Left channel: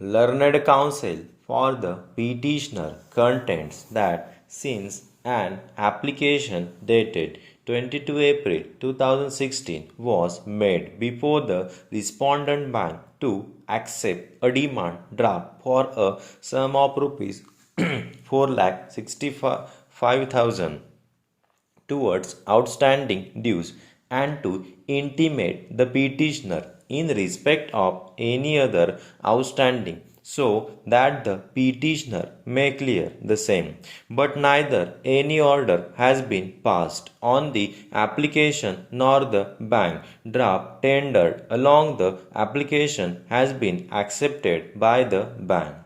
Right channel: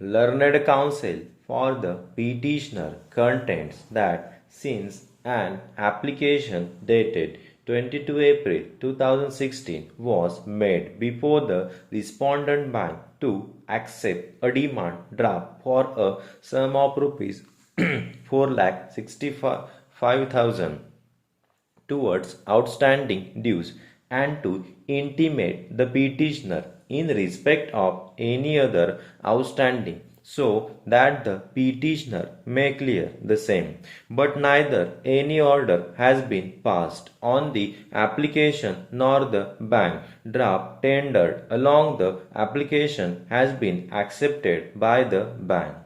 Learned counsel for the petitioner contends that since an application dated 22 April 2016 was made before the respondent bank to accept a demand draft for a sum of rupees 4,65,000 towards outstanding dues and to intimate the petitioner in respect of any other outstanding so that the petitioner may clear the same. But neither any order has been passed on the application nor the bank draft tendered along the application has been accepted by the bank.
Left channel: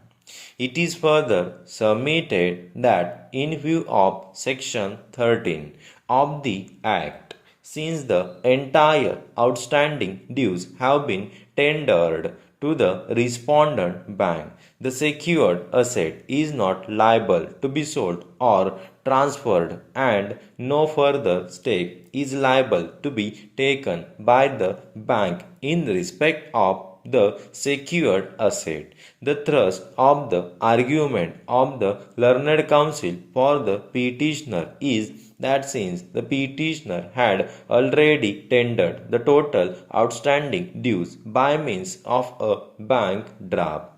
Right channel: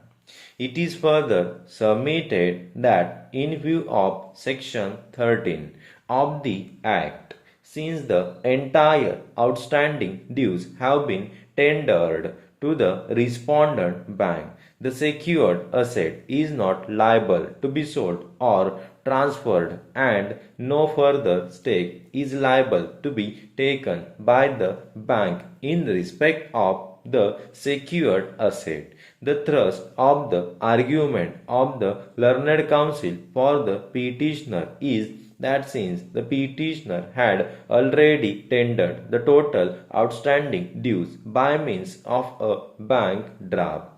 It is further submitted that, in view of Section 13 of the Act, since the entire outstanding dues have been tendered to the respondent bank, the secured asset is not liable to be sold or transferred, and no further step is liable to be taken by the bank in respect of the secured asset. The thrust of the argument of the learned counsel for the petitioner is that since the petitioner had already tendered the total outstanding dues by means of a bank draft,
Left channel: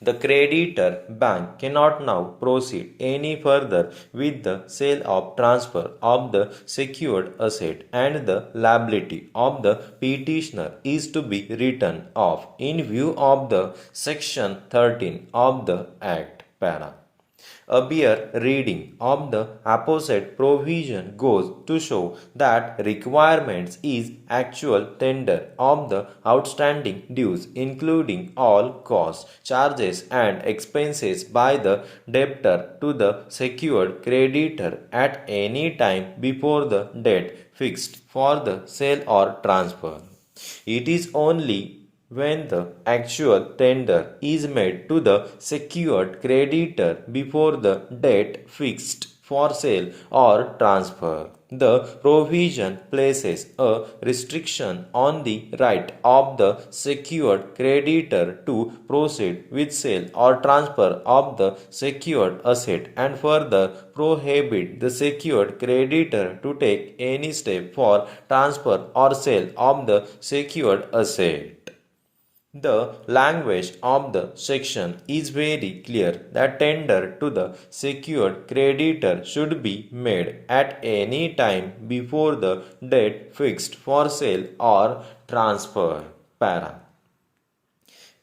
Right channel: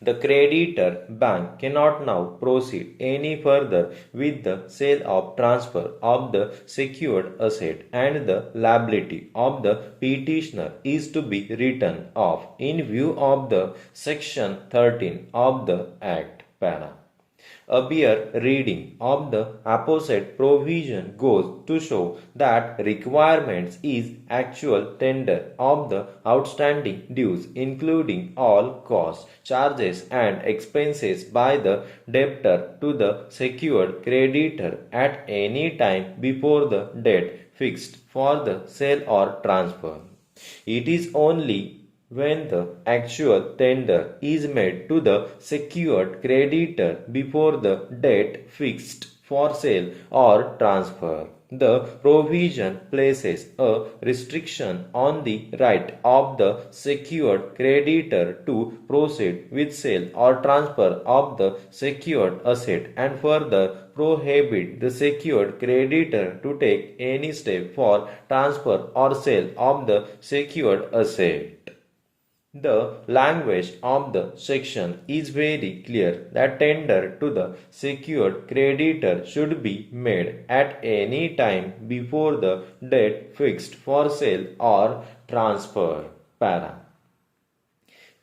the creditor bank cannot now proceed any further with the sale or transfer of the secured asset, and the liability of the petitioner is to be written off in view of the section 13 of the Act. Para. A bare reading of the opposite provision goes to show that requirements is actual tender of the outstanding dues, including all costs, charges, and expenses by the debtor to the secured creditor at any time before the date fixed for the sale or transfer. It is only when the actual tender is made to the secured creditor before the date fixed for sale or transfer. The provision places a restriction on the right of the secured creditor to proceed with sale or transfer of the secured asset, and further prohibit the secured creditor to take any step for transfer or sale of the secured asset. The language of the section is very clear that tender to the secured creditor should be made at any time before the date fixed for sale or transfer. Para.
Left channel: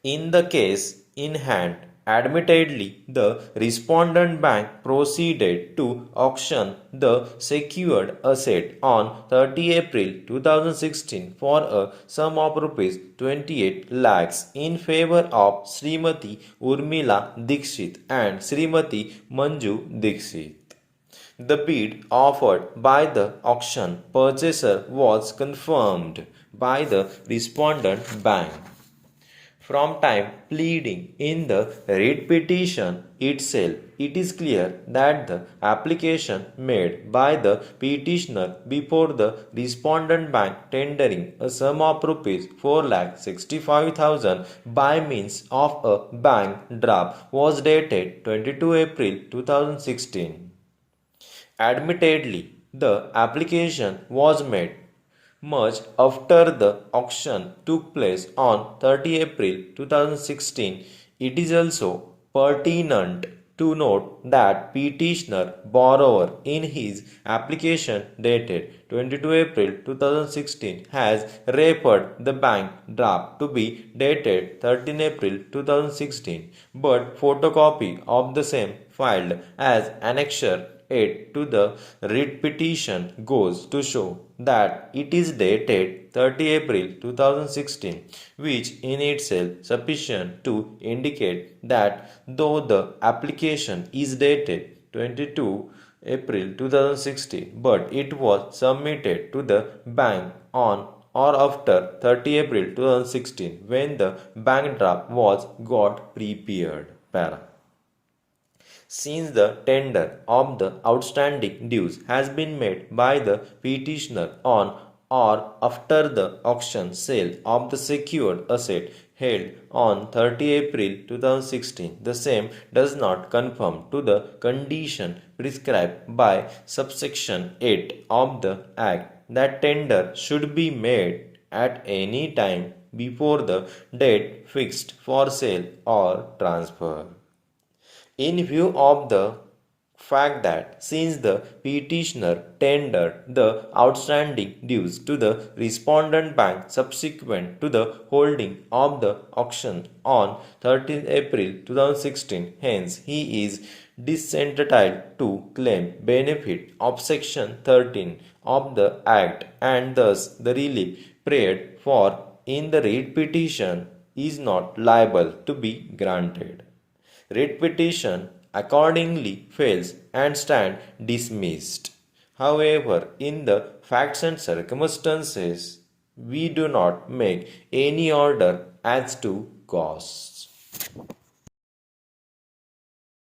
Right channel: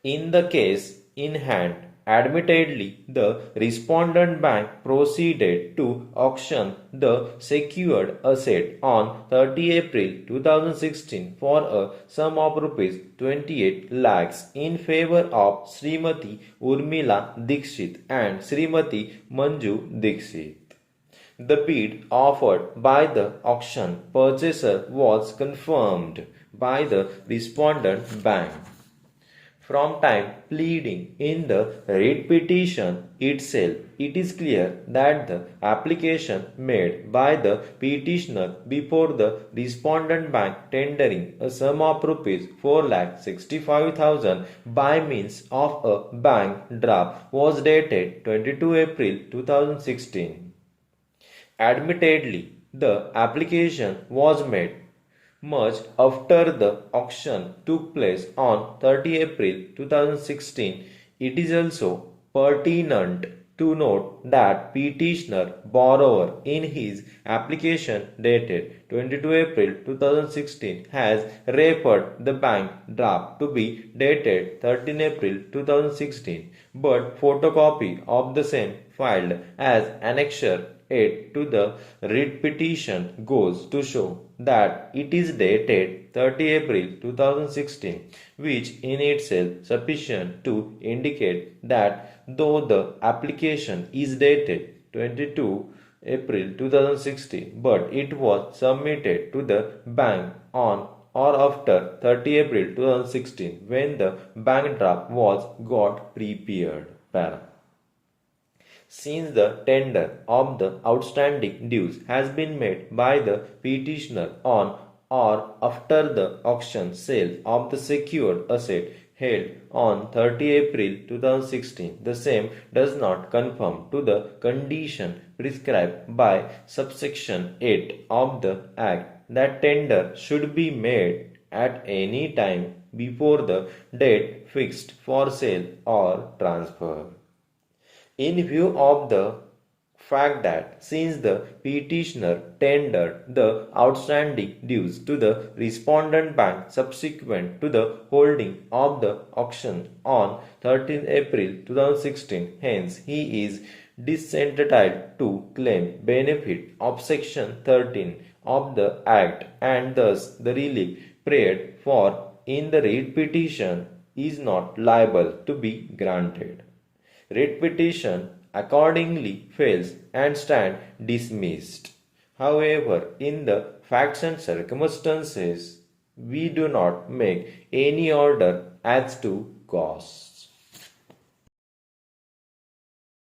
In the case in hand, admittedly, the respondent bank proceeded to auction the secured asset on 30 April 2016 for a sum of rupees 28 lakhs in favor of Srimati Urmila Dikshit and Srimati Manju Dikshit. The bid offered by the auction purchaser was confirmed by the respondent bank. From time pleading in the writ petition itself, it is clear that the application made by the petitioner before the respondent bank tendering a sum of rupees 4,65,000 by means of a bank draft was dated 22 April 2016. Admittedly, the application was made much after the auction took place on 30 April 2016. It is also pertinent to note that petitioner borrower in his application dated 22 April 2016 has referred the bank draft to be dated 13 April 2016, but photocopy of the same filed as annexure 8 to the writ petition goes to show that it is dated 30 April 2016, which in itself sufficient to indicate that though the application is dated 22 April 2016, but it was submitted to the bank on or after 30 April 2016 when the bank draft was got prepared. Para. Since the tender of the outstanding dues has been made by the petitioner on or after the auction sale of the secured asset, held on 30 April 2016, the same does not conform to the condition prescribed by subsection 8 of the Act that tender should be made at any time before the date fixed for sale or transfer. In view of the fact that since the petitioner tendered the outstanding dues to the respondent bank subsequent to the holding of the auction on 13th April 2016, hence he is disentitled to claim benefit of section 13 of the Act, and thus the relief prayed for in the writ petition is not liable to be granted. Writ petition accordingly fails and stand dismissed. However, in the facts and circumstances, we do not make any order as to cause.